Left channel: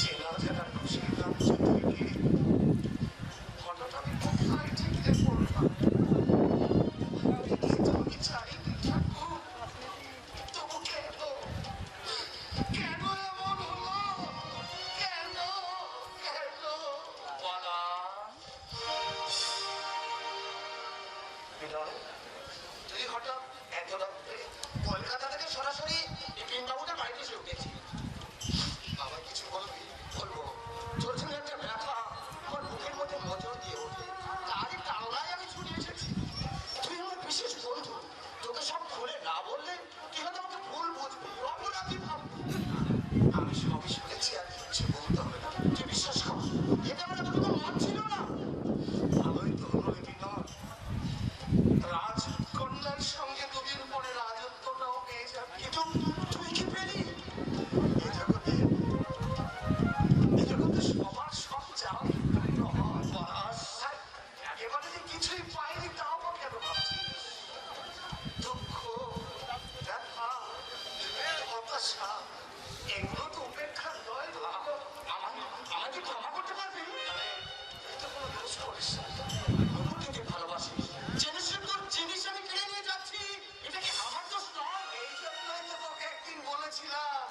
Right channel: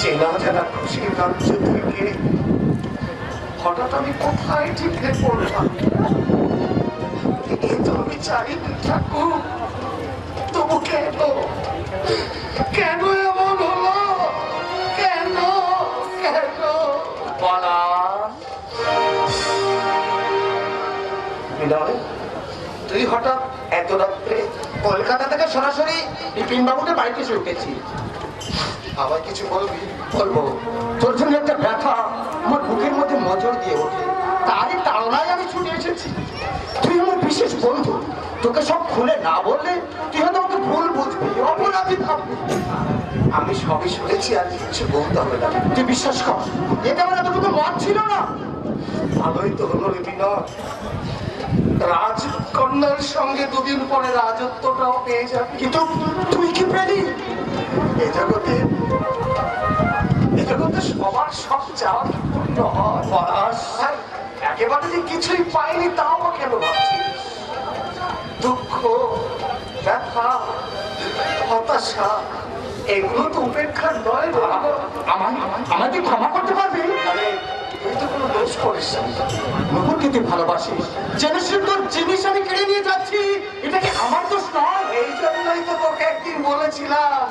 চেনা জানা খুশির রাজ্য থেকে হঠাৎ আমি কোথায় ঠিকরে পড়লাম। এই তো আমি চাই ঠাকুর, তবু কেন কেন এমন হলো, কেন কেন বলা। বিনয়, তুই হঠাৎ এত রাত্রে? কলকাতা থেকে সরাসরি বিপিন বাবুকে বাড়িতে এসে উঠেছি। আবার কিছু বলবি? বলবো, তোর জন্য একটা ব্যথা আমার বুকের মধ্যে নজর দিয়ে ওঠে, তারই তাড়নায় আমি ছুটে এসেছি। তুই আমার বিশেষ বন্ধু, তোকে সব খুলে না বললে তুই হয়তো আমাকে ভুল বুঝবি, অপরাধী ভাববি। আমি সবই শুনেছি, আর কিছু বলতে হবে না। তুই বিশ্বাস কর, এটা আমার এতটুকু মত ছিল না। ভালোই তো হলো রে বিনয়, রাজকন্যার সঙ্গে দুদিন পরে রাজত্বটাও পেয়ে যাবে। কিন্তু তুই কি পেলি? এ জগতে সবার সব চাওয়া কি পূর্ণ হয়? পলাশ, আর একেবারে যে কিছুই পাইনি তাও বা কেন ভাবছিস? দুঃখ, ব্যথা, হতাশা, এগুলো তো উপেক্ষার নয় রে। আমাকে ক্ষমা করতে পারবি? আরে তুই তো কোনো দোষ করিস না। নুপুরকে তুই ভালোবাসিস, জেনে তোর জিনিস আমি কেড়ে নিয়ে যাচ্ছি, এটা কি আমার দোষ নয়? এই জন্যই তো তোকে একদিন বলেছিলাম